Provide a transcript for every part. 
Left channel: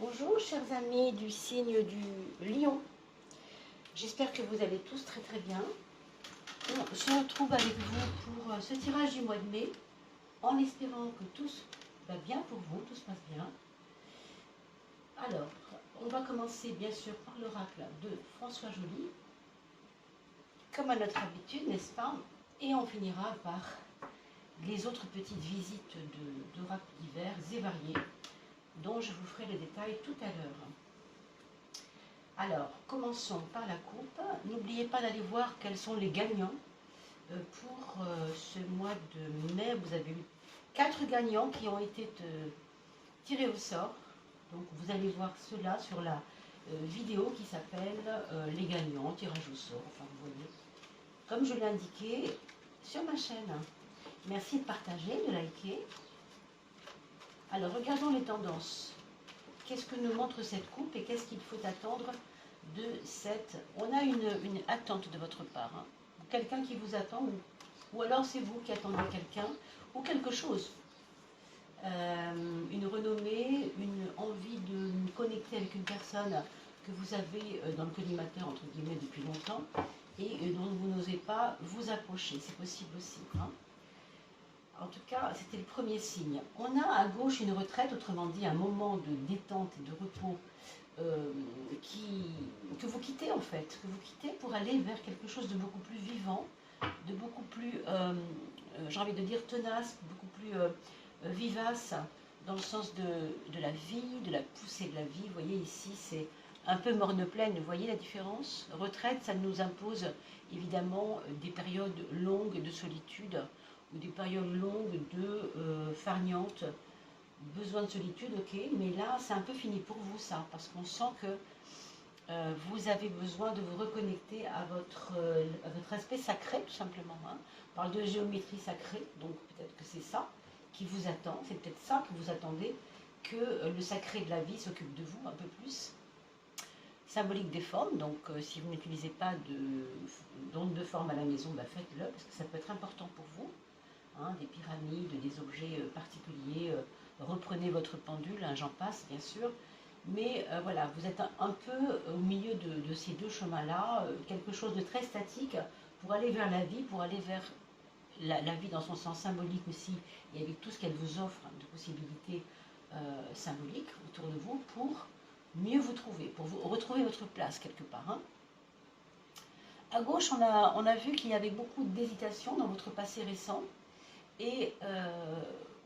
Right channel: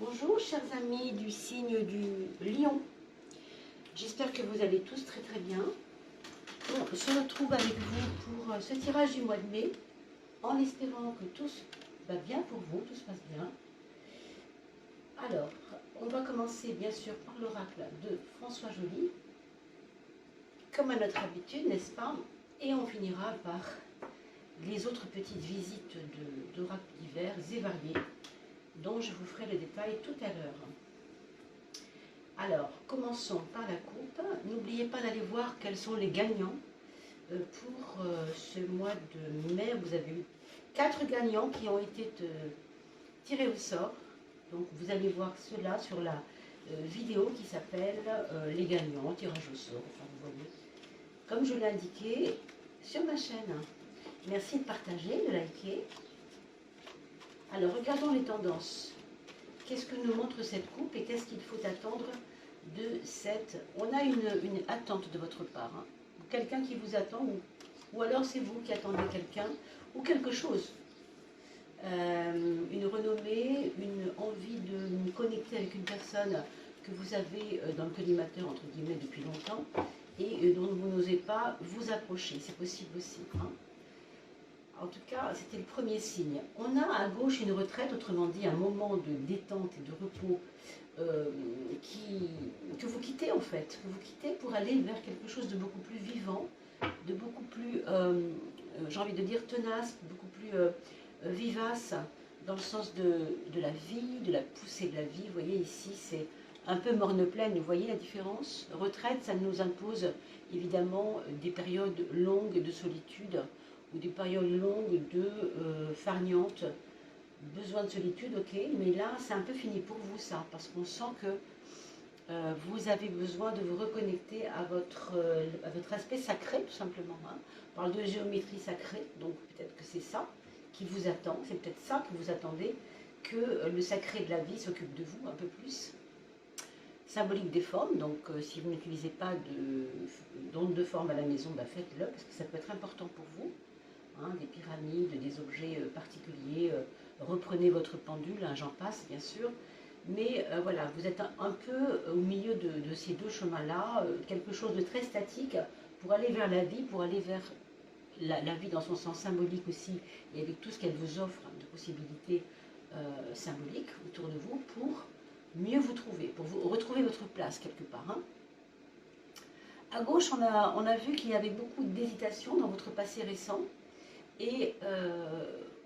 Bonjour chers amis du signe du lion, j'espère que vous allez tous très très bien. On se retrouve avec vous pour ce tirage du mois de mai, en espérant que tout va bien pour vous, tout se passe bien. Alors, on va commencer bien sûr par l'oracle de François Joly, comme à notre habitude, n'est-ce pas? Et on finira par les autres petites visites d'oracles divers et variés, dont je vous ferai les détails tout à l'heure. Alors, commençons par la coupe. N'oubliez pas d'aller voir quels sont les gagnants pour ce mois de mai. Vous avez eu 4 gagnants qui ont été tirés au sort. Donc, vous allez voir cela sur la vidéo qui s'appelle les gagnants, tirage au sort. Enfin, vous voyez, comme je l'ai indiqué sur ma chaîne. Merci de partager, de liker. Alors, regardons les tendances. Qu'est-ce que nous montre cette coupe et qu'est-ce qu'il faut attendre de cette... On a une attente de votre part. Hein. Quelqu'un qui vous attend ou alors c'est vous qui attendez quelqu'un ou quelque chose. Une renommée, une envie de vous connecter avec une personne que vous avez dans le collimateur, entre guillemets, depuis longtemps et dont vous n'osez pas vous approcher. C'est possible aussi. Hein. En tout cas, c'était le premier signe. On a à gauche une retraite, autrement dit un moment de détente et de repos que vous quittez en fait, que vous quittez pour aller vers quelque chose de beaucoup plus vivant, de beaucoup plus, j'ai envie de dire tenace, beaucoup plus vivace, dans le sens de la vie, de la poussée de la vie. Vous voyez ici, c'est un peu morne-pleine, vous voyez la différence? Retraite, ça nous impose évidemment des périodes longues de solitude, ou des périodes longues de farniente, besoin de solitude, ok, mais là c'est un peu fini pour vous ça, parce qu'on sent que vous avez besoin de vous reconnecter à votre aspect sacré tout simplement. Hein. On parle de géométrie sacrée, donc peut-être que c'est ça qui vous attend, c'est peut-être ça que vous attendez, que le sacré de la vie s'occupe de vous un peu plus. Symbolique des formes, donc si vous n'utilisez pas d'onde de forme à la maison, bah, faites-le, parce que ça peut être important pour vous. Hein, des pyramides, des objets particuliers, reprenez votre pendule, hein, j'en passe bien sûr, mais voilà, vous êtes un peu au milieu de ces deux chemins-là, quelque chose de très statique pour aller vers la vie, pour aller vers la vie dans son sens symbolique aussi, et avec tout ce qu'elle vous offre de possibilités symboliques autour de vous, pour mieux vous trouver, pour vous retrouver votre place quelque part. Hein. À gauche, on a vu qu'il y avait beaucoup d'hésitation dans votre passé récent, et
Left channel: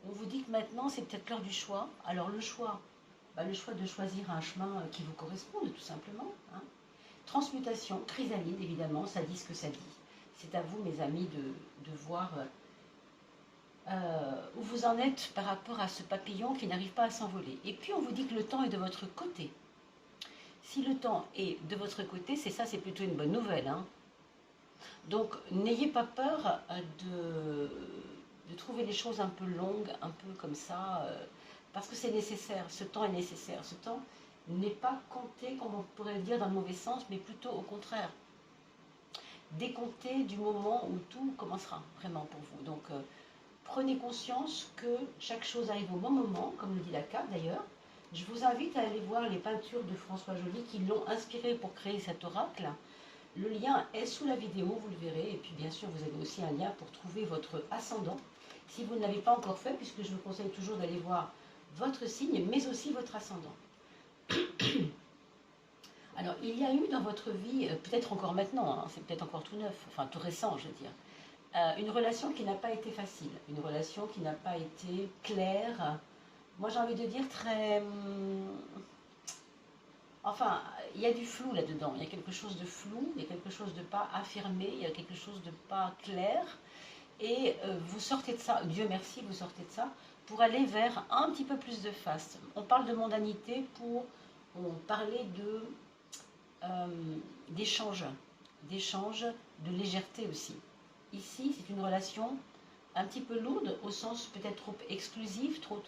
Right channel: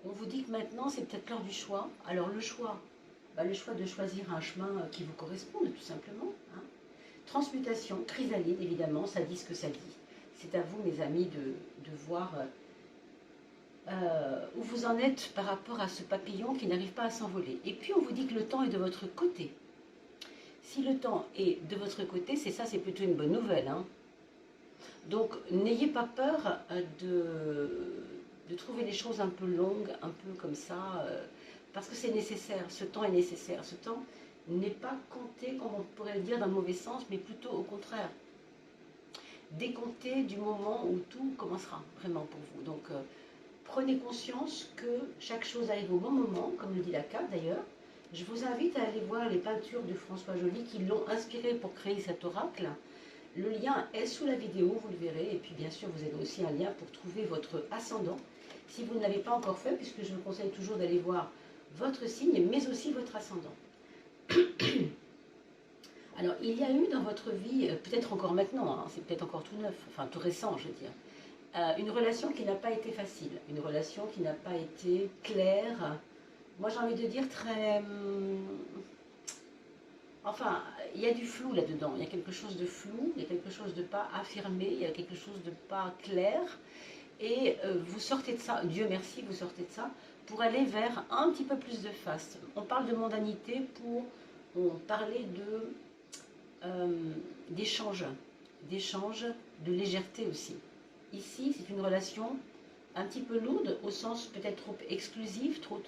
on vous dit que maintenant, c'est peut-être l'heure du choix. Alors le choix de choisir un chemin qui vous corresponde, tout simplement. Hein. Transmutation, chrysalide, évidemment, ça dit ce que ça dit. C'est à vous, mes amis, de voir où vous en êtes par rapport à ce papillon qui n'arrive pas à s'envoler. Et puis, on vous dit que le temps est de votre côté. Si le temps est de votre côté, c'est ça, c'est plutôt une bonne nouvelle. Hein. Donc, n'ayez pas peur de trouver des choses un peu longues, un peu comme ça, parce que c'est nécessaire, ce temps est nécessaire. Ce temps n'est pas compté, comme on pourrait le dire dans le mauvais sens, mais plutôt au contraire. Décompté du moment où tout commencera, vraiment pour vous. Donc, prenez conscience que chaque chose arrive au bon moment, comme le dit la carte d'ailleurs. Je vous invite à aller voir les peintures de François Joly qui l'ont inspiré pour créer cet oracle. Le lien est sous la vidéo, vous le verrez. Et puis bien sûr, vous avez aussi un lien pour trouver votre ascendant. Si vous ne l'avez pas encore fait, puisque je vous conseille toujours d'aller voir votre signe, mais aussi votre ascendant. Alors, il y a eu dans votre vie, peut-être encore maintenant, hein, c'est peut-être encore tout neuf, enfin tout récent, je veux dire, une relation qui n'a pas été facile, une relation qui n'a pas été claire. Moi, j'ai envie de dire très... Enfin, il y a du flou là-dedans, il y a quelque chose de flou, il y a quelque chose de pas affirmé, il y a quelque chose de pas clair. Et vous sortez de ça, Dieu merci, vous sortez de ça, pour aller vers un petit peu plus de face. On parle de mondanité pour parler d'échange, de légèreté aussi. Ici, c'est une relation un petit peu lourde, au sens peut-être trop exclusif, trop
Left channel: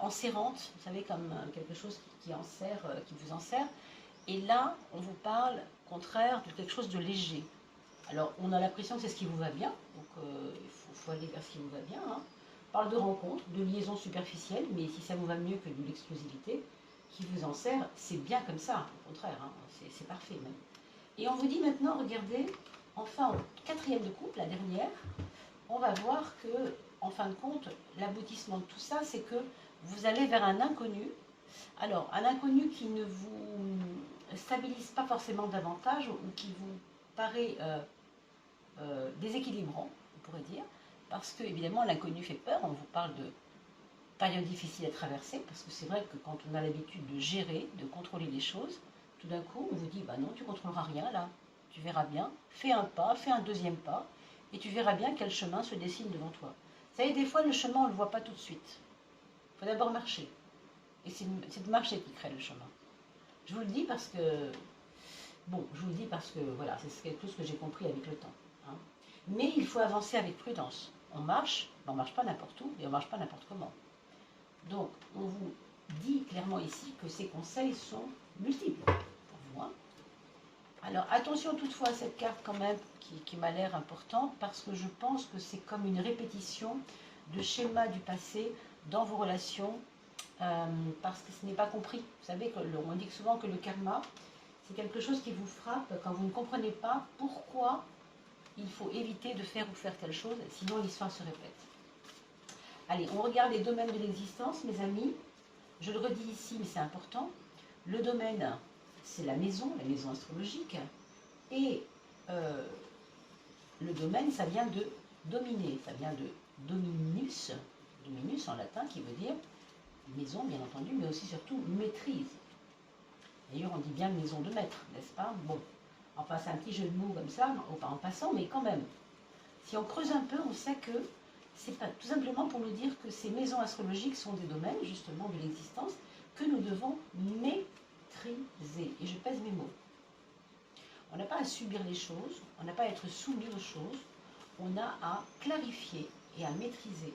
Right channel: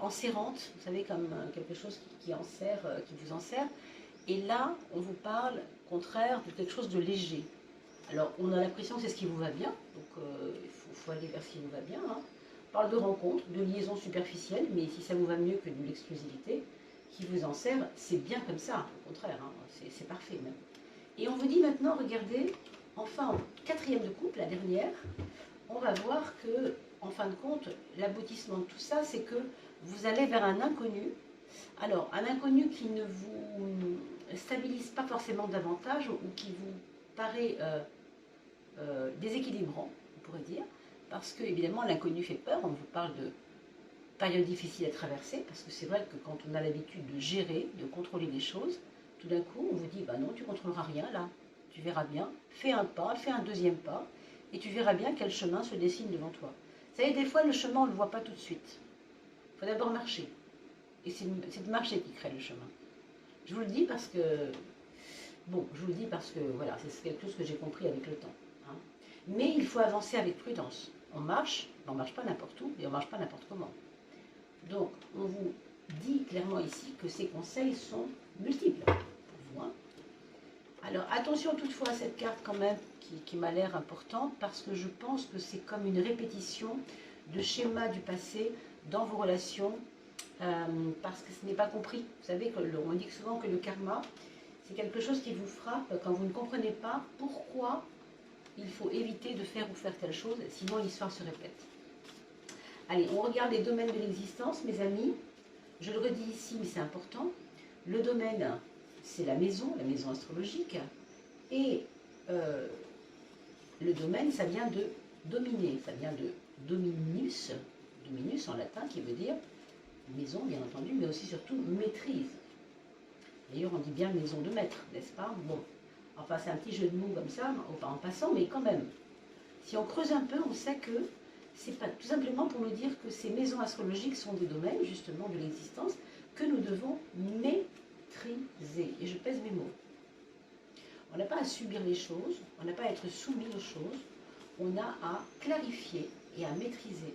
enserrante, vous savez, comme quelque chose qui enserre, qui vous enserre. Et là, on vous parle, au contraire, de quelque chose de léger. Alors, on a l'impression que c'est ce qui vous va bien, donc il faut aller vers ce qui vous va bien. Hein. On parle de rencontres, de liaisons superficielles, mais si ça vous va mieux que de l'exclusivité, qui vous en sert, c'est bien comme ça, au contraire, hein, c'est parfait même. Et on vous dit maintenant, regardez, enfin, en quatrième de coupe, la dernière, on va voir que, en fin de compte, l'aboutissement de tout ça, c'est que vous allez vers un inconnu. Alors, un inconnu qui ne vous stabilise pas forcément davantage ou qui vous paraît déséquilibrant, on pourrait dire, parce que, évidemment, l'inconnu fait peur. On vous parle de période difficile à traverser, parce que c'est vrai que quand on a l'habitude de gérer, de contrôler les choses, tout d'un coup, on vous dit, bah non, tu ne contrôleras rien là, tu verras bien, fais un pas, fais un deuxième pas, et tu verras bien quel chemin se dessine devant toi. Vous savez, des fois, le chemin, on ne le voit pas tout de suite. Il faut d'abord marcher. Et c'est de marcher qui crée le chemin. Je vous le dis parce que, bon, je vous le dis parce que, voilà, c'est quelque chose que j'ai compris avec le temps. Hein. Mais il faut avancer avec prudence. On marche, mais on ne marche pas n'importe où, et on ne marche pas n'importe comment. Donc, on vous dit clairement ici que ces conseils sont multiples pour vous. Hein. Alors, attention toutefois à cette carte quand même qui m'a l'air importante parce que je pense que c'est comme une répétition de schémas du passé dans vos relations parce que ce n'est pas compris. Vous savez, on dit souvent que le karma, c'est quelque chose qui vous frappe quand vous ne comprenez pas pourquoi il faut éviter de faire ou faire telle chose, sinon l'histoire se répète. Allez, on regarde les domaines de l'existence, mes amis. Je le redis ici, mais c'est important. Le domaine, c'est la maison astrologique. Et le domaine, ça vient de dominer, ça vient de dominus en latin, qui veut dire maison, bien entendu, mais aussi surtout maîtrise. D'ailleurs, on dit bien maison de maître, n'est-ce pas? Bon, enfin, c'est un petit jeu de mots comme ça, en passant, mais quand même. Si on creuse un peu, on sait que c'est pas tout simplement pour nous dire que ces maisons astrologiques sont des domaines, justement, de l'existence que nous devons maîtriser. Et je pèse mes mots. On n'a pas à subir les choses, on n'a pas à être soumis aux choses, on a à clarifier et à maîtriser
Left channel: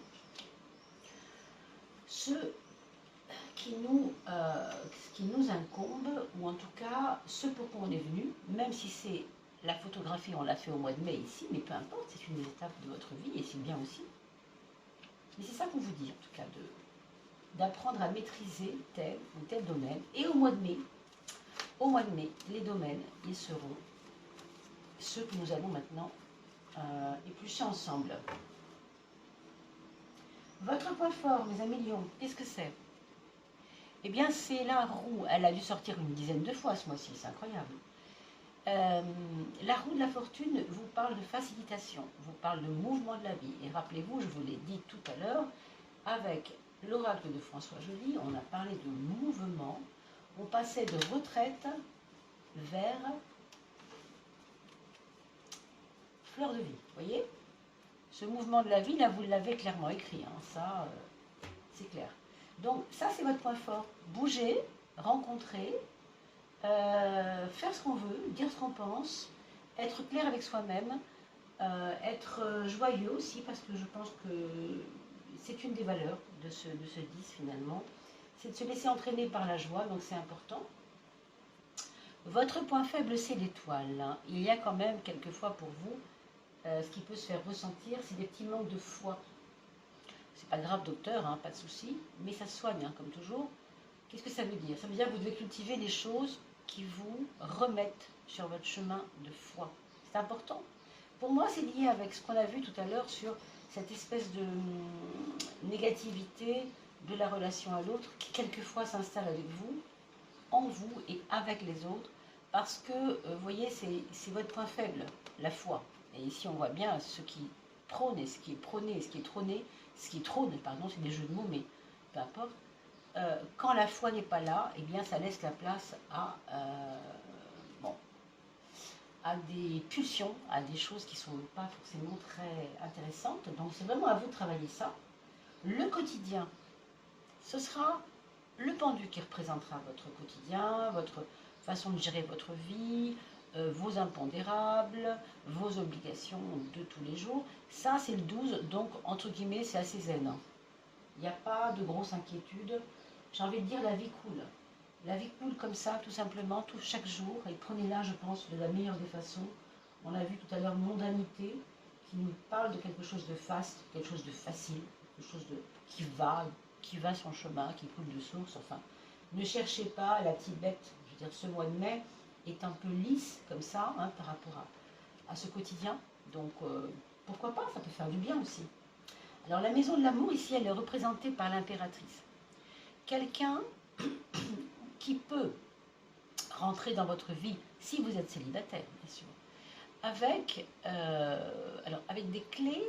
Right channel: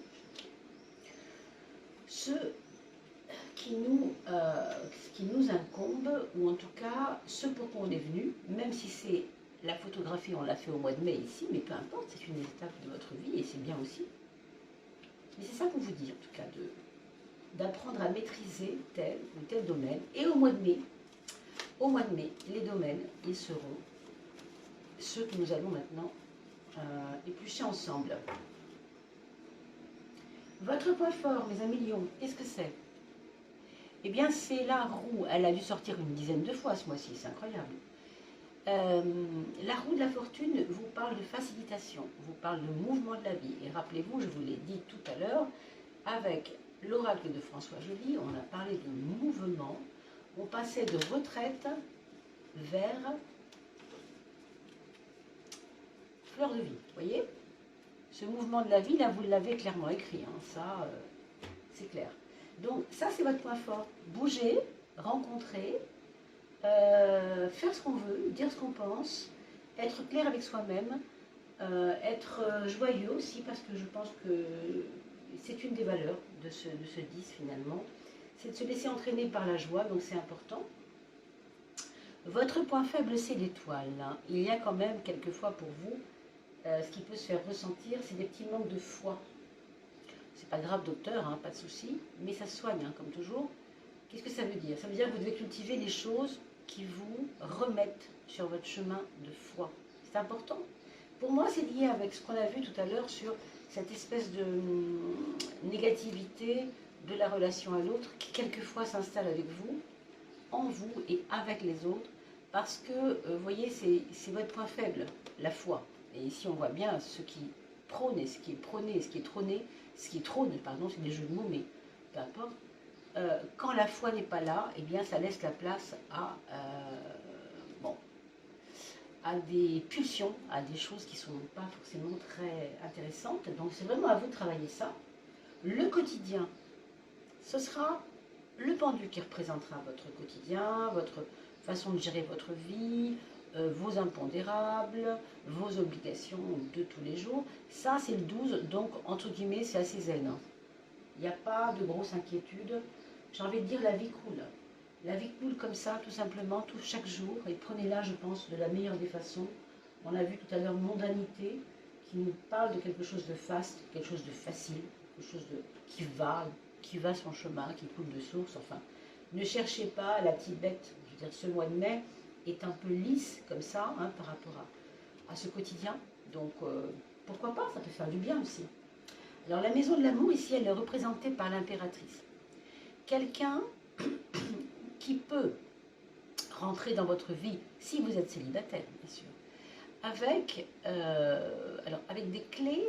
ce qui nous incombe, ou en tout cas ce pourquoi on est venu, même si c'est la photographie, on l'a fait au mois de mai ici, mais peu importe, c'est une étape de votre vie et c'est bien aussi. Mais c'est ça qu'on vous dit en tout cas, d'apprendre à maîtriser tel ou tel domaine. Et au mois de mai, les domaines, ils seront ceux que nous allons maintenant éplucher ensemble. Votre point fort, mes amis lions, qu'est-ce que c'est? Eh bien, c'est la roue. Elle a dû sortir une dizaine de fois ce mois-ci, c'est incroyable. La roue de la fortune vous parle de facilitation, vous parle de mouvement de la vie. Et rappelez-vous, je vous l'ai dit tout à l'heure, avec l'oracle de François Joly, on a parlé de mouvement. On passait de retraite vers fleur de vie. Vous voyez? Ce mouvement de la vie, là, vous l'avez clairement écrit. Hein, ça, c'est clair. Donc, ça, c'est votre point fort. Bouger, rencontrer, faire ce qu'on veut, dire ce qu'on pense, être clair avec soi-même, être joyeux aussi, parce que je pense que c'est une des valeurs de ce 10 finalement. C'est de se laisser entraîner par la joie, donc c'est important. Votre point faible, c'est l'étoile. Hein. Il y a quand même quelquefois pour vous, ce qui peut se faire ressentir, c'est des petits manques de foi. C'est pas grave, docteur, hein, pas de souci, mais ça se soigne, hein, comme toujours. Qu'est-ce que ça veut dire? Ça veut dire que vous devez cultiver les choses qui vous remettent sur votre chemin de foi. C'est important. Pour moi, c'est lié avec ce qu'on a vu tout à l'heure sur cette espèce de négativité de la relation à l'autre qui quelquefois s'installe avec vous, en vous et avec les autres, parce que, vous voyez, c'est votre point faible, la foi. Et ici, on voit bien ce qui prône et ce qui est prôné et ce qui est trôné, ce qui trône, pardon, c'est des jeux de mots, mais peu importe. Quand la foi n'est pas là, eh bien, ça laisse la place à, à des pulsions, à des choses qui ne sont pas forcément très intéressantes. Donc, c'est vraiment à vous de travailler ça. Le quotidien, ce sera le pendu qui représentera votre quotidien, votre façon de gérer votre vie, vos impondérables, vos obligations de tous les jours. Ça, c'est le 12, donc, entre guillemets, c'est assez zen. Il n'y a pas de grosse inquiétude. J'ai envie de dire, la vie coule. La vie coule comme ça, tout simplement, chaque jour. Et prenez-la, je pense, de la meilleure des façons. On a vu tout à l'heure mondanité, qui nous parle de quelque chose de faste, quelque chose de facile, quelque chose qui va son chemin, qui coule de source, enfin. Ne cherchez pas la petite bête. Je veux dire, ce mois de mai est un peu lisse comme ça hein, par rapport à ce quotidien. Donc, pourquoi pas, ça peut faire du bien aussi. Alors, la maison de l'amour, ici, elle est représentée par l'impératrice. Quelqu'un qui peut rentrer dans votre vie, si vous êtes célibataire, bien sûr, avec des clés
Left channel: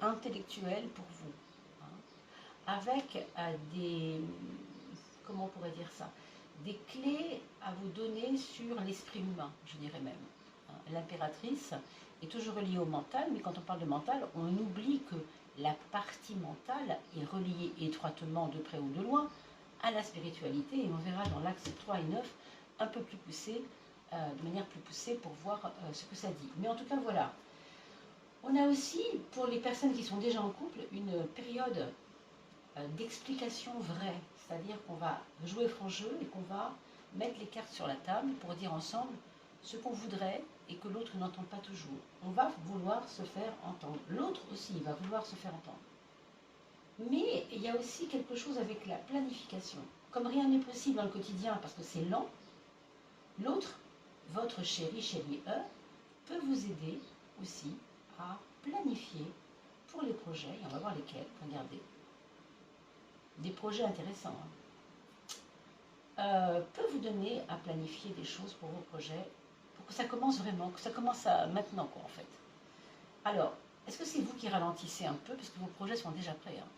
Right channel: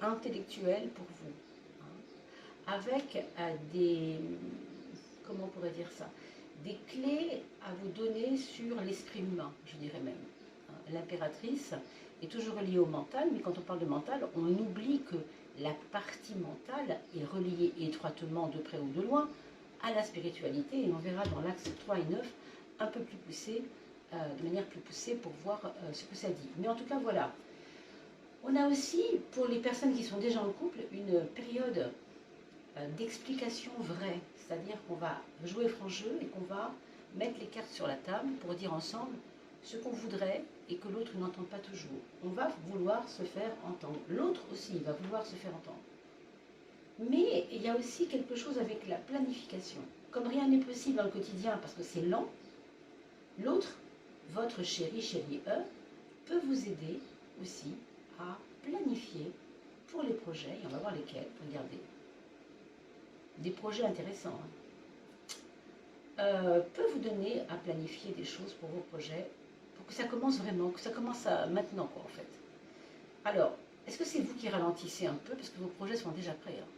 intellectuelles pour vous, hein, avec comment on pourrait dire ça, des clés à vous donner sur l'esprit humain, je dirais même. Hein. L'impératrice est toujours reliée au mental, mais quand on parle de mental, on oublie que la partie mentale est reliée étroitement de près ou de loin à la spiritualité, et on verra dans l'axe 3 et 9 un peu plus poussé, de manière plus poussée pour voir ce que ça dit. Mais en tout cas, voilà. On a aussi, pour les personnes qui sont déjà en couple, une période d'explication vraie, c'est-à-dire qu'on va jouer franc jeu et qu'on va mettre les cartes sur la table pour dire ensemble ce qu'on voudrait et que l'autre n'entend pas toujours. On va vouloir se faire entendre. L'autre aussi va vouloir se faire entendre. Mais il y a aussi quelque chose avec la planification. Comme rien n'est possible dans le quotidien parce que c'est lent, l'autre, votre chéri, peut vous aider aussi à planifier pour les projets, et on va voir lesquels, regardez. Des projets intéressants. Hein. Peut vous donner à planifier des choses pour vos projets, pour que ça commence vraiment, que ça commence maintenant, quoi, en fait. Alors, est-ce que c'est vous qui ralentissez un peu, parce que vos projets sont déjà prêts hein.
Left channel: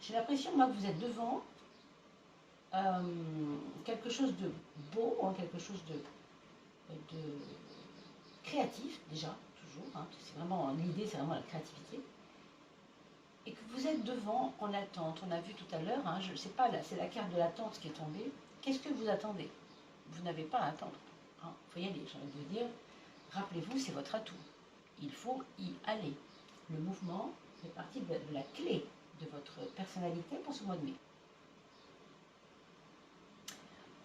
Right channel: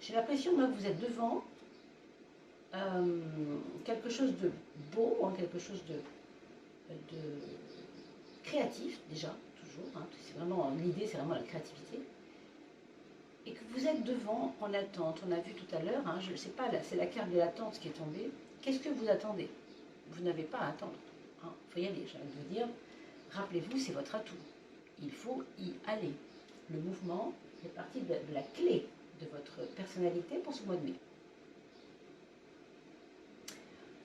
J'ai l'impression, moi, que vous êtes devant quelque chose de beau, hein, quelque chose de créatif, déjà, toujours. Hein, c'est vraiment, l'idée, c'est vraiment la créativité. Et que vous êtes devant en attente. On a vu tout à l'heure, hein, je ne sais pas, c'est la carte de l'attente qui est tombée. Qu'est-ce que vous attendez? Vous n'avez pas à attendre. Il faut y aller, j'ai envie de vous dire. Rappelez-vous, c'est votre atout. Il faut y aller. Le mouvement fait partie de la clé de votre personnalité pour ce mois de mai.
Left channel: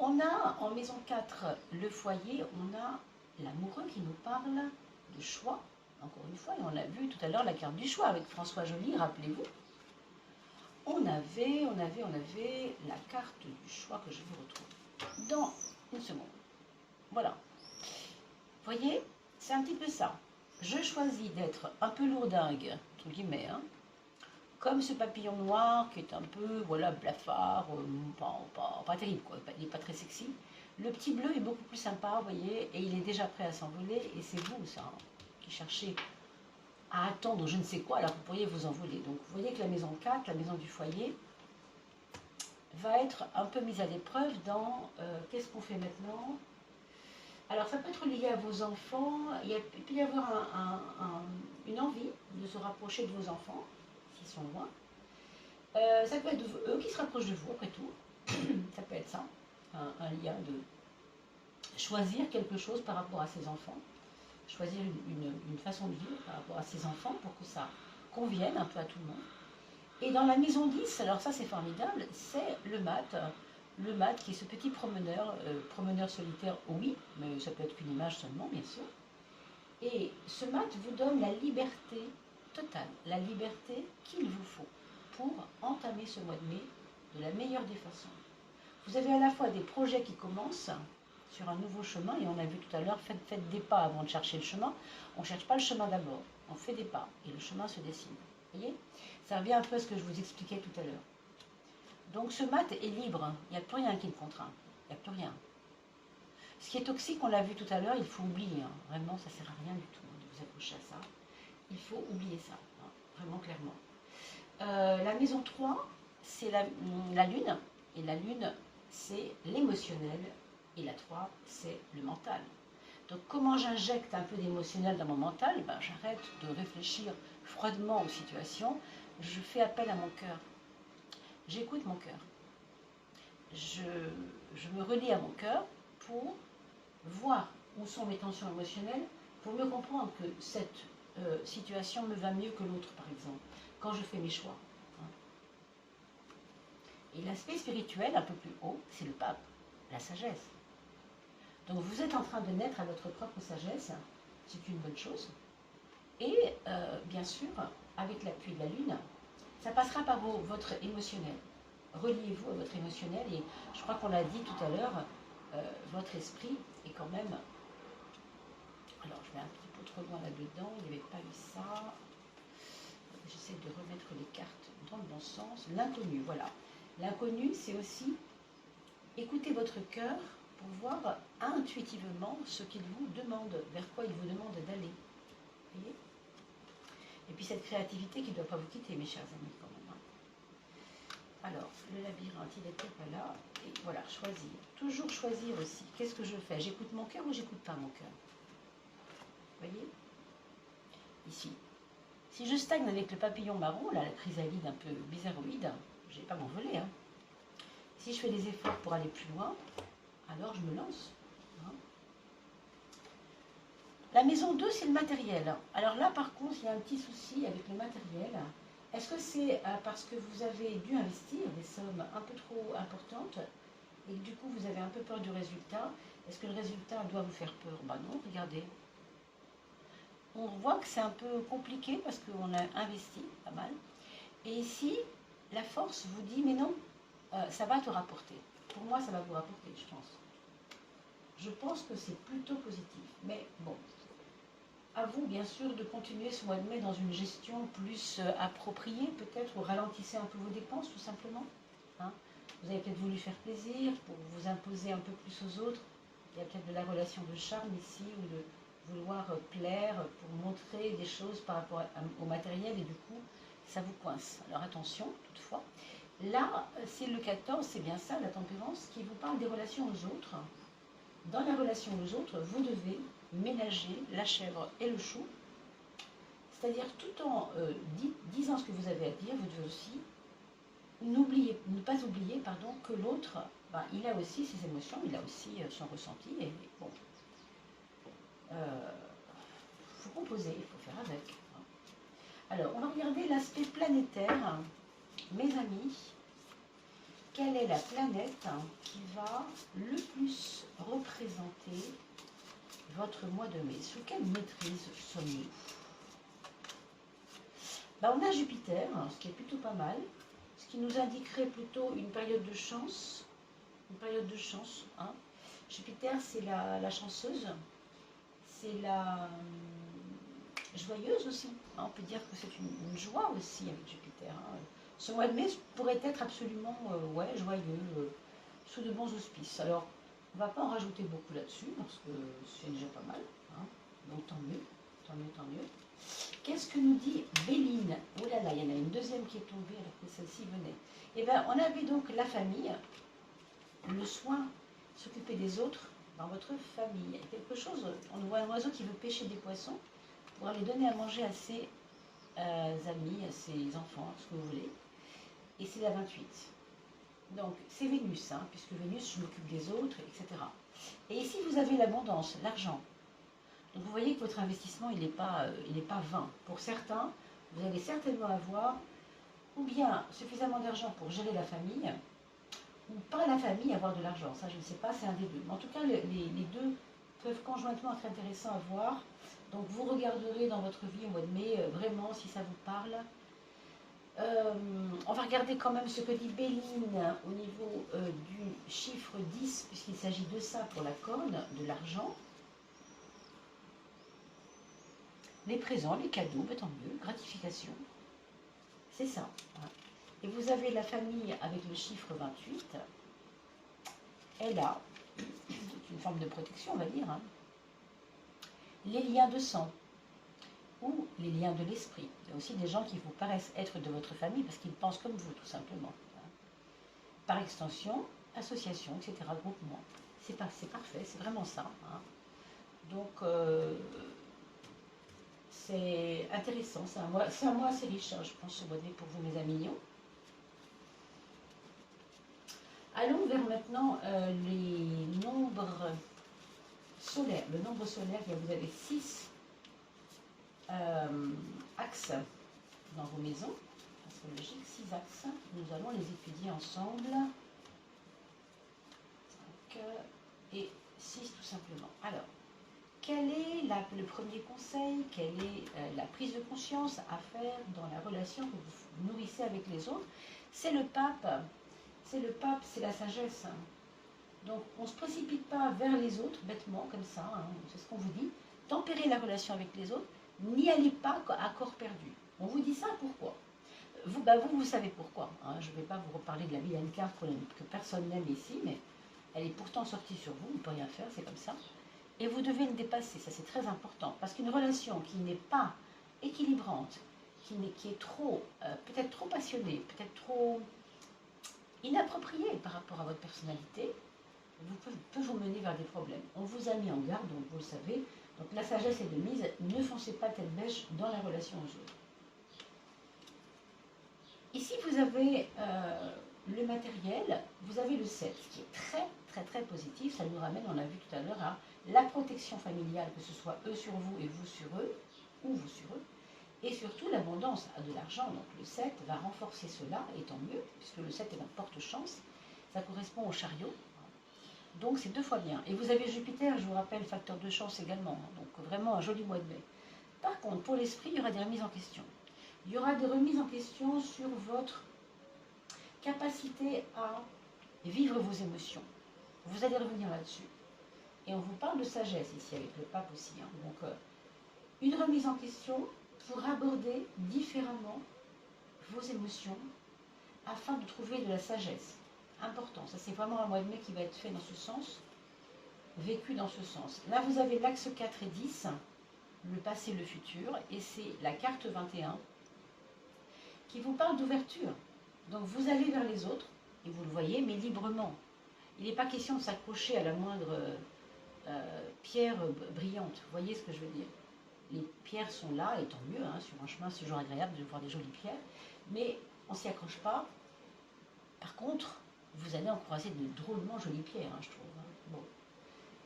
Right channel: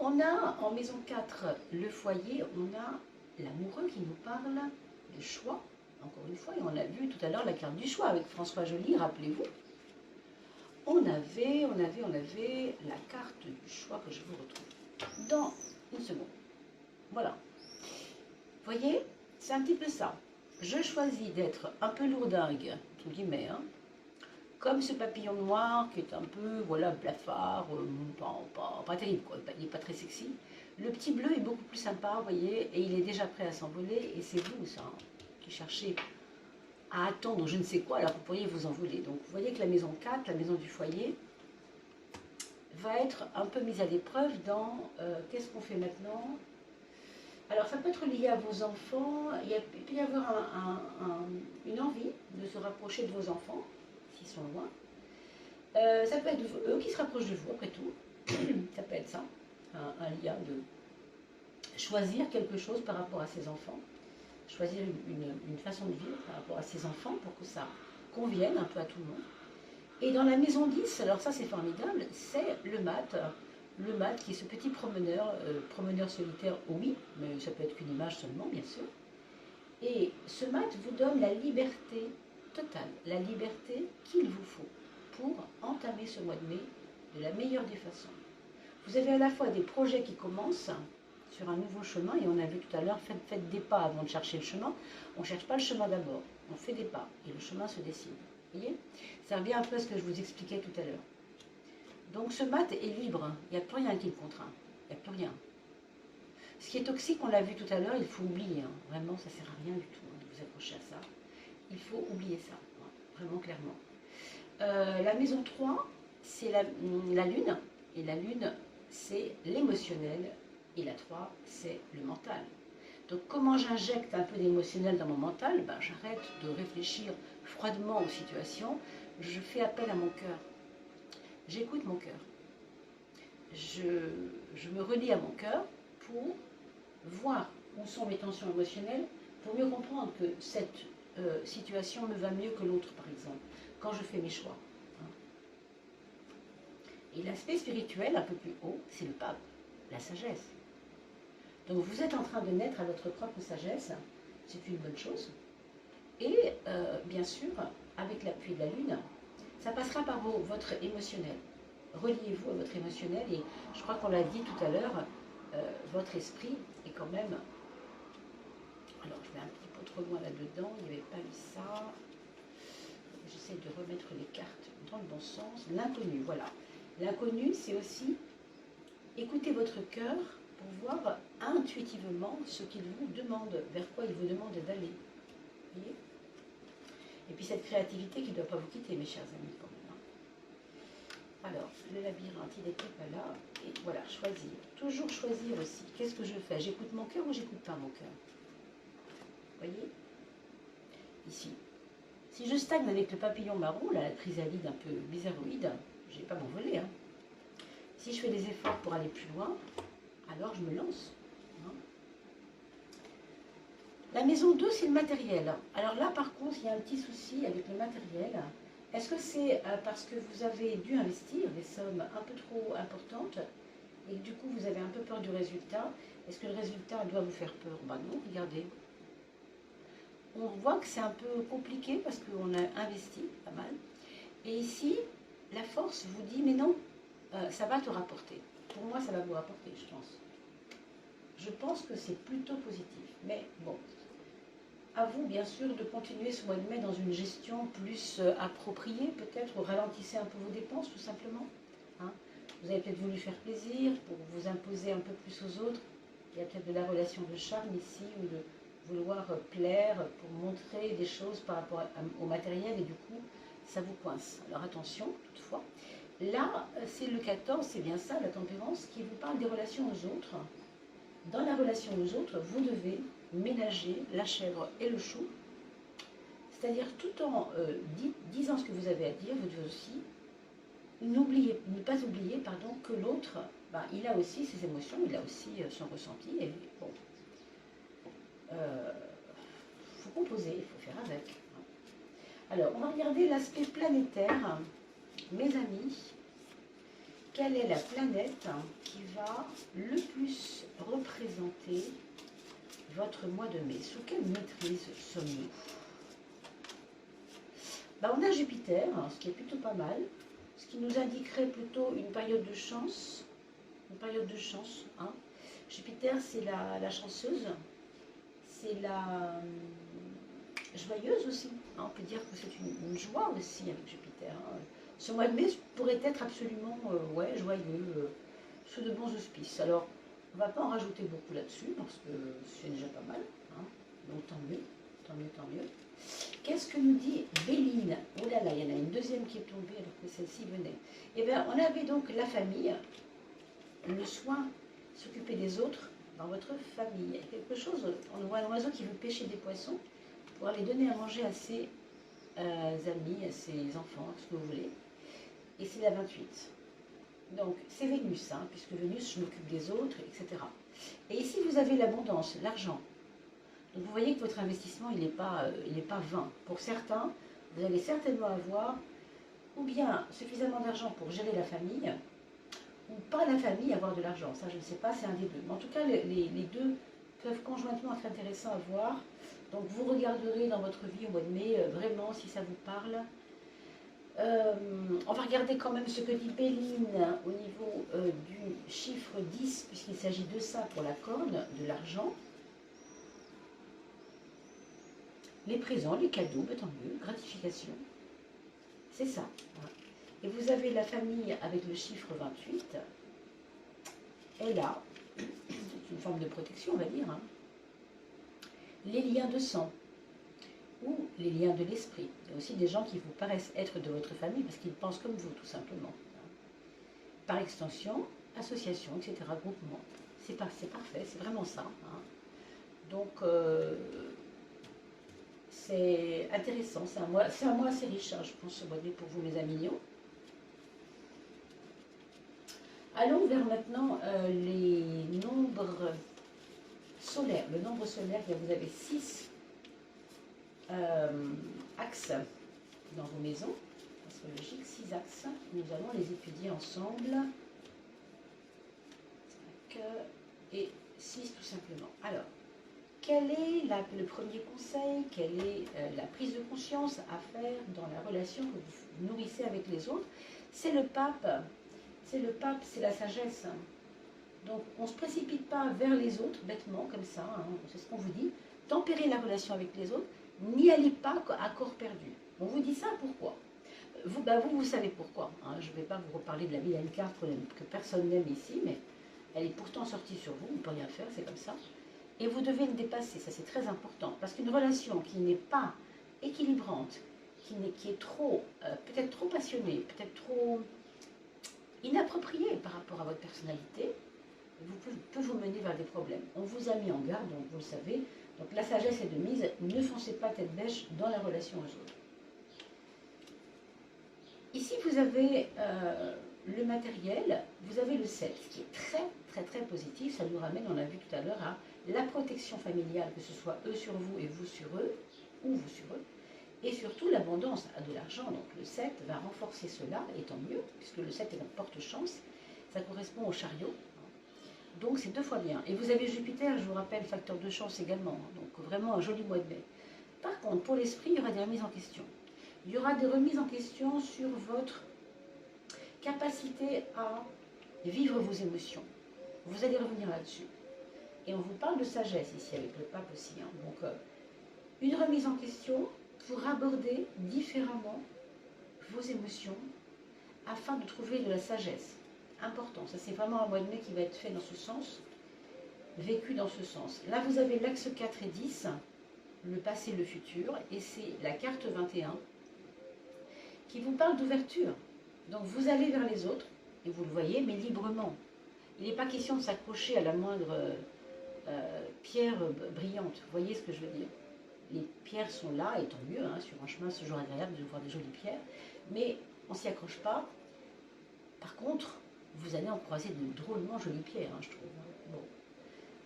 On a en maison 4 le foyer, on a l'amoureux qui nous parle de choix. Encore une fois, et on a vu tout à l'heure la carte du choix avec François Joly, rappelez-vous. On avait la carte du choix que je vous retrouve dans une seconde. Voilà. Vous voyez, c'est un petit peu ça. Je choisis d'être un peu lourdingue, entre guillemets, hein, comme ce papillon noir qui est un peu, voilà, blafard, pas terrible, quoi. Il n'est pas très sexy. Le petit bleu est beaucoup plus sympa, vous voyez, et il est déjà prêt à s'envoler, et c'est vous, ça, hein, qui cherchez à attendre je ne sais quoi, alors vous pourriez vous envoler. Donc vous voyez que la maison 4, la maison du foyer, va être un peu mise à l'épreuve dans qu'est-ce qu'on fait maintenant. Alors ça peut être lié à vos enfants, il peut y avoir une envie de se rapprocher de vos enfants, s'ils sont loin. Ça peut être eux qui se rapprochent de vous, après tout. Ça peut être ça, un lien de choisir quelque chose par rapport à ses enfants. Choisir une façon de vivre par rapport à ses enfants pour que ça convienne un peu à tout le monde. Et dans la maison 10, alors ça c'est formidable, c'est le mat qui est ce petit promeneur solitaire, oui, mais ça peut être qu'une image seulement, bien sûr. Et ce mat vous donne la liberté totale, la liberté qu'il vous faut pour entamer ce mois de mai de la meilleure des façons. Vous avez à la fois des projets qui commencent sur un nouveau chemin, et on a vu tout à l'heure, faites des pas avant de chercher le chemin. On ne cherche pas le chemin d'abord, on fait des pas, et le chemin se dessine. Vous voyez? Ça revient un peu à ce que je vous expliquais tout à l'heure. Donc ce mat est libre, il n'y a plus rien qui le contraint, il n'y a plus rien. Ce qui est toxique, on l'a vu tout à l'heure, il faut oublier. Hein. Vraiment, ça ne sert à rien du tout de vous accrocher à ça. Il faut oublier ça, hein, vraiment clairement. La maison 3, c'est la lune, et la lune, c'est l'émotionnel, et la 3, c'est le mental. Donc comment j'injecte un peu d'émotionnel dans mon mental? Ben, j'arrête de réfléchir froidement aux situations, je fais appel à mon cœur. J'écoute mon cœur. Je me relie à mon cœur pour voir où sont mes tensions émotionnelles, pour mieux comprendre que cette situation me va mieux que l'autre, par exemple, quand je fais mes choix. Hein. Et l'aspect spirituel, un peu plus haut, c'est le pape, la sagesse. Donc vous êtes en train de naître à votre propre sagesse, c'est une bonne chose. Et bien sûr, avec l'appui de la lune, ça passera par votre émotionnel. reliez-vous à votre émotionnel. Et je crois qu'on l'a dit tout à l'heure, votre esprit est quand même... Alors, je vais un petit peu trop loin là-dedans, il n'y avait pas eu ça. J'essaie de remettre les cartes dans le bon sens. L'inconnu, voilà. L'inconnu, c'est aussi écouter votre cœur pour voir intuitivement ce qu'il vous demande, vers quoi il vous demande d'aller. Voyez ? Et puis cette créativité qui ne doit pas vous quitter, mes chers amis, quand même. Alors, le labyrinthe, il n'était pas là. Et voilà, choisir. Toujours choisir aussi. Qu'est-ce que je fais? J'écoute mon cœur ou j'écoute pas mon cœur? Voyez? Ici. Si je stagne avec le papillon marron, là, la chrysalide un peu bizarroïde, je ne vais pas m'envoler. Hein. Si je fais des efforts pour aller plus loin, alors je me lance. Hein. La maison 2, c'est le matériel. Alors là, par contre, il y a un petit souci avec le matériel. Est-ce que c'est parce que vous avez dû investir des sommes un peu trop importantes et que du coup, vous avez un peu peur du résultat? Est-ce que le résultat doit vous faire peur? Ben non, regardez. On voit que c'est un peu compliqué parce qu'on a investi pas mal. Et ici, la force vous dit, mais non, ça va te rapporter. Pour moi, ça va vous rapporter, je pense. Je pense que c'est plutôt positif. Mais bon, à vous, bien sûr, de continuer ce mois de mai dans une gestion plus appropriée, peut-être, ou ralentissez un peu vos dépenses, tout simplement. Hein. Vous avez peut-être voulu faire plaisir pour vous imposer un peu plus aux autres. Il y a peut-être de la relation de charme ici, ou de vouloir plaire pour montrer des choses par rapport au matériel, et du coup, ça vous coince. Alors attention, toutefois. Là, c'est le 14, c'est bien ça, la tempérance, qui vous parle des relations aux autres. Dans la relation aux autres, vous devez ménager la chèvre et le chou. C'est-à-dire, tout en disant ce que vous avez à dire, vous devez aussi ne pas oublier que l'autre, il a aussi ses émotions, il a aussi son ressenti. Et bon, faut composer, il faut faire avec. Alors, on va regarder l'aspect planétaire. Mes amis, quelle est la planète qui va le plus représenter votre mois de mai? Sous quelle maîtrise sommes-nous? On a Jupiter, ce qui est plutôt pas mal, ce qui nous indiquerait plutôt une période de chance. Une période de chance. Hein. Jupiter, c'est la chanceuse, c'est la joyeuse aussi. Hein. On peut dire que c'est une joie aussi avec Jupiter. Hein. Ce mois de mai pourrait être absolument joyeux, sous de bons auspices. Alors, on ne va pas en rajouter beaucoup là-dessus, parce que c'est déjà pas mal. Hein. Donc, tant mieux, tant mieux, tant mieux. Qu'est-ce que nous dit Béline? Oh là là, il y en a une deuxième qui est tombée alors que celle-ci venait. Eh bien, on avait donc la famille, le soin, s'occuper des autres dans votre famille. Il y a quelque chose, on voit un oiseau qui veut pêcher des poissons pour aller donner à manger à ses amis, à ses enfants, ce que vous voulez. Et c'est la 28. Donc, c'est Vénus, hein, puisque Vénus, je m'occupe des autres, etc. Et ici, vous avez l'abondance, l'argent. Donc, vous voyez que votre investissement, il n'est pas vain. Pour certains, vous allez certainement avoir ou bien suffisamment d'argent pour gérer la famille, ou pas la famille avoir de l'argent. Ça, je ne sais pas, c'est un des deux. Mais en tout cas, les deux peuvent conjointement être intéressants à voir. Donc, vous regarderez dans votre vie au mois de mai, vraiment, si ça vous parle. On va regarder quand même ce que dit Béline au niveau du chiffre 10, puisqu'il s'agit de ça pour la corne, de l'argent. Les présents, les cadeaux, tant mieux, gratification. C'est ça. Et vous avez la famille avec le chiffre 28. Et là, c'est une forme de protection, on va dire. Hein. Les liens de sang ou les liens de l'esprit. Il y a aussi des gens qui vous paraissent être de votre famille parce qu'ils pensent comme vous, tout simplement. Par extension, association, etc., groupement. C'est parfait, c'est vraiment ça. Hein. Donc, c'est intéressant. C'est un mois assez riche, hein, je pense, ce mois de mai pour vous, mes amis mignons. Allons vers maintenant les nombres solaires. Le nombre solaire, vous avez 6 axes dans vos maisons astrologiques, 6 axes. Nous allons les étudier ensemble. 5 et 6 tout simplement. Alors, quel est le premier conseil, quelle est la prise de conscience à faire dans la relation que vous nourrissez avec les autres? C'est le pape c'est le pape, c'est la sagesse. Donc on ne se précipite pas vers les autres bêtement comme ça, hein, c'est ce qu'on vous dit. Tempérez la relation avec les autres, n'y allez pas à corps perdu. On vous dit ça pourquoi? Vous savez pourquoi. Hein. Je ne vais pas vous reparler de la vilaine carte que personne n'aime ici, mais elle est pourtant sortie sur vous, on ne peut rien faire, c'est comme ça. Et vous devez le dépasser, ça c'est très important. Parce qu'une relation qui n'est pas équilibrante, qui est trop, peut-être trop passionnée, peut-être trop inappropriée par rapport à votre personnalité, peut vous mener vers des problèmes. On vous a mis en garde, donc vous le savez. Donc la sagesse est de mise, ne foncez pas tête bêche dans la relation aux autres. Ici, vous avez le matériel, vous avez le 7, ce qui est très, très, très positif. Ça nous ramène, on l'a vu tout à l'heure, à la protection familiale, que ce soit eux sur vous et vous sur eux, ou vous sur eux, et surtout l'abondance de l'argent. Donc le 7 va renforcer cela, et tant mieux, puisque le 7 est un porte-chance. Ça correspond au chariot. Donc c'est 2 fois bien. Et vous avez Jupiter, je vous rappelle, facteur de chance également. Donc vraiment un joli mois de mai. Par contre, pour l'esprit, il y aura des remises en question. Il y aura des remises en question sur votre capacité à vivre vos émotions. Vous allez revenir là-dessus. Et on vous parle de sagesse ici, avec le pape aussi. Hein. Donc, une remise en question pour aborder différemment vos émotions afin de trouver de la sagesse. Important. Ça, c'est vraiment un mois de mai qui va être fait dans ce sens, vécu dans ce sens. Là, vous avez l'axe 4 et 10, le passé, le futur, et c'est la carte 21 qui vous parle d'ouverture. Donc vous allez vers les autres, et vous le voyez, mais librement. Il n'est pas question de s'accrocher à la moindre pierre brillante. Vous voyez ce que je veux dire? Les pierres sont là, et tant mieux, hein, sur un chemin, c'est toujours agréable de voir des jolies pierres, mais on ne s'y accroche pas. Par contre, vous allez en croiser de drôlement jolies pierres, hein, je trouve. Bon,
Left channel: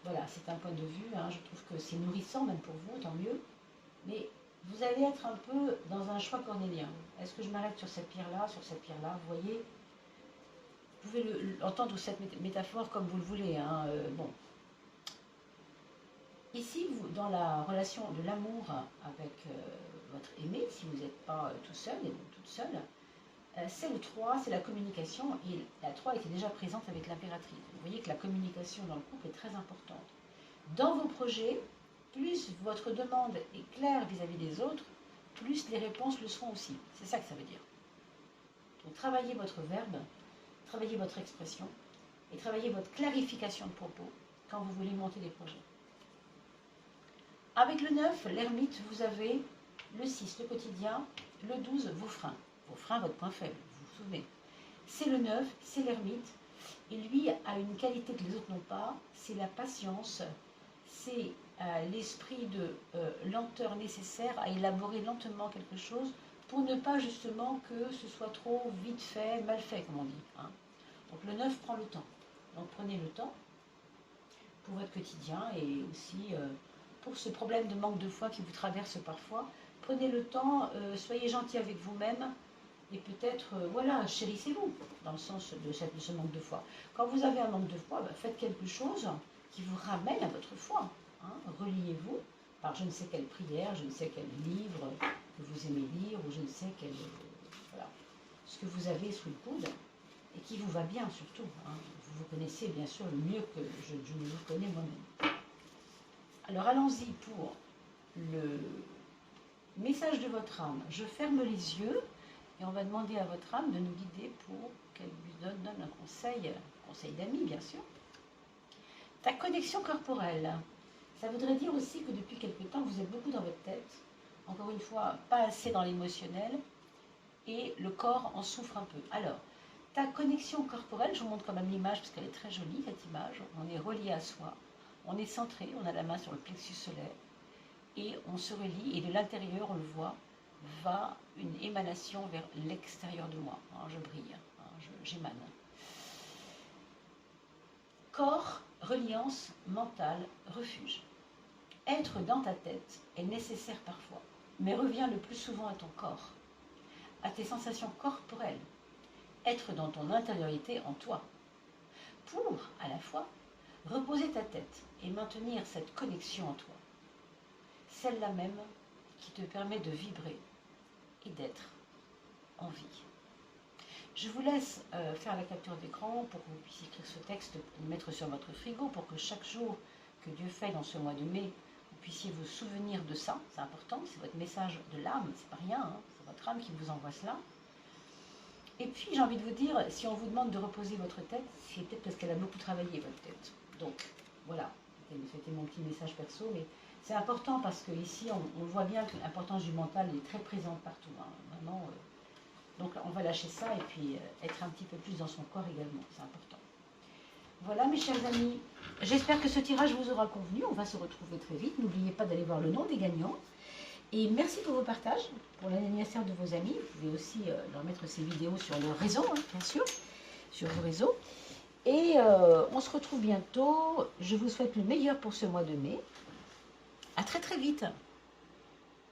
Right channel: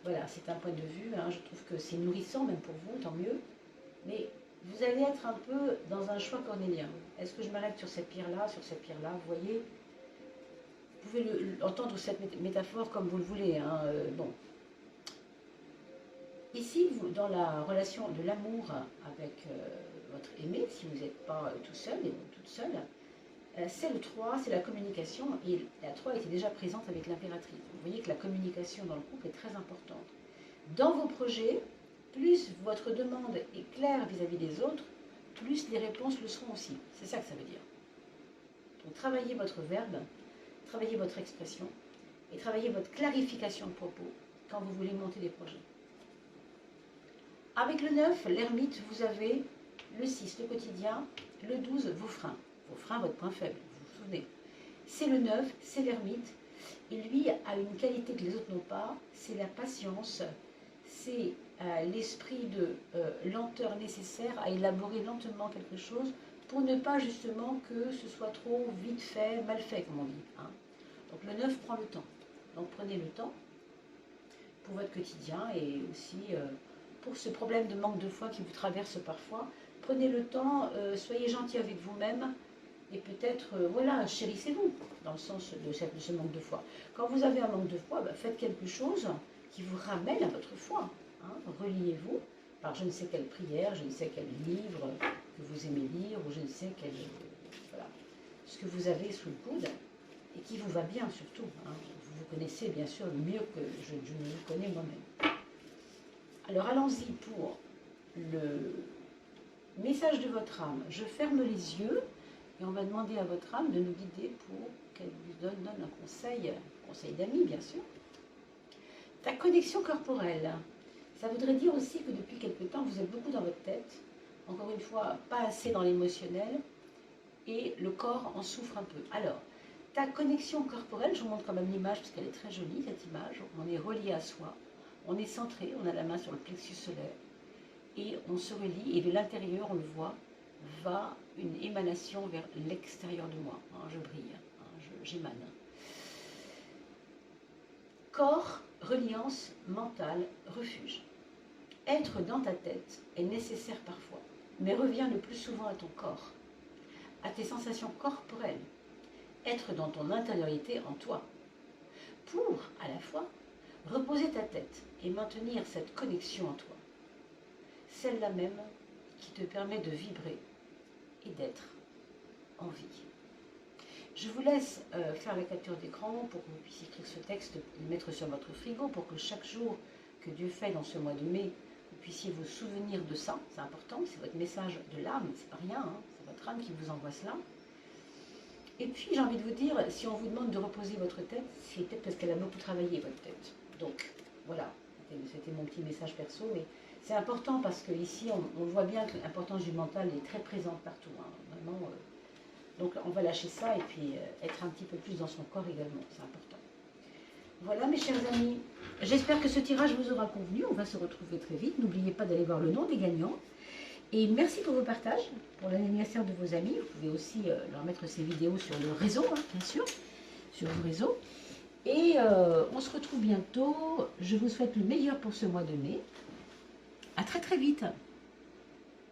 voilà, c'est un point de vue, hein, je trouve que c'est nourrissant, même pour vous, tant mieux, mais vous allez être un peu dans un choix cornélien. Est-ce que je m'arrête sur cette pierre-là, sur cette pierre-là? Vous voyez, vous pouvez entendre cette métaphore comme vous le voulez. Hein, bon. Ici, vous, dans la relation de l'amour avec votre aimé, si vous n'êtes pas tout seul et toute seule, c'est le 3, c'est la communication. Et la 3 était déjà présente avec l'impératrice. Vous voyez que la communication dans le couple est très importante. Dans vos projets, plus votre demande est claire vis-à-vis des autres, plus les réponses le seront aussi. C'est ça que ça veut dire. Donc travaillez votre verbe, travaillez votre expression et travaillez votre clarification de propos quand vous voulez monter des projets. Avec le 9, l'ermite, vous avez le 6, le quotidien, le 12, vos freins. Vos freins, votre point faible, vous vous souvenez. C'est le 9, c'est l'ermite. Et lui a une qualité que les autres n'ont pas, c'est la patience, c'est l'esprit de lenteur nécessaire à élaborer lentement quelque chose pour ne pas justement que ce soit trop vite fait, mal fait, comme on dit. Hein. Donc le 9 prend le temps. Donc prenez le temps pour votre quotidien et aussi pour ce problème de manque de foi qui vous traverse parfois. Prenez le temps, soyez gentil avec vous-même et peut-être, voilà, chérissez-vous dans le sens de ce manque de foi. Quand vous avez un manque de foi, faites quelque chose qui vous ramène à votre foi. Hein, reliez-vous par je ne sais quelle prière, je ne sais quel livre que vous aimez lire, ou je ne sais quel, voilà, ce que vous avez sous le coude, et qui vous va bien surtout. Hein. Vous vous connaissez bien sûr mieux que je ne vous connais moi-même. Alors allons-y pour le message de votre âme. Je ferme les yeux, et on va demander à votre âme de nous guider pour qu'elle vous donne un conseil d'amis bien sûr. Ta connexion corporelle. Ça voudrait dire aussi que depuis quelque temps, vous êtes beaucoup dans votre tête. Encore une fois, pas assez dans l'émotionnel. Et le corps en souffre un peu. Alors, ta connexion corporelle, je vous montre quand même l'image parce qu'elle est très jolie, cette image. On est relié à soi. On est centré, on a la main sur le plexus solaire. Et on se relie. Et de l'intérieur, on le voit, va une émanation vers l'extérieur de moi. Hein, je brille, hein, j'émane. Corps, reliance, mental, refuge. Être dans ta tête est nécessaire parfois, mais reviens le plus souvent à ton corps, à tes sensations corporelles, être dans ton intériorité en toi, pour, à la fois, reposer ta tête et maintenir cette connexion en toi, celle-là même qui te permet de vibrer et d'être en vie. Je vous laisse faire la capture d'écran pour que vous puissiez écrire ce texte, le mettre sur votre frigo, pour que chaque jour que Dieu fait dans ce mois de mai, vous puissiez vous souvenir de ça. C'est important, c'est votre message de l'âme, c'est pas rien, hein, c'est votre âme qui vous envoie cela. Et puis j'ai envie de vous dire, si on vous demande de reposer votre tête, c'est peut-être parce qu'elle a beaucoup travaillé, votre tête. Donc voilà, c'était mon petit message perso, mais c'est important parce qu'ici on voit bien que l'importance du mental est très présente partout. Hein, vraiment, donc on va lâcher ça et puis être un petit peu plus dans son corps également, c'est important. Voilà mes chers amis, j'espère que ce tirage vous aura convenu, on va se retrouver très vite. N'oubliez pas d'aller voir le nom des gagnants. Et merci pour vos partages, pour l'anniversaire de vos amis. Vous pouvez aussi leur mettre ces vidéos sur le réseau, hein, bien sûr, sur le réseau. Et on se retrouve bientôt. Je vous souhaite le meilleur pour ce mois de mai. À très très vite.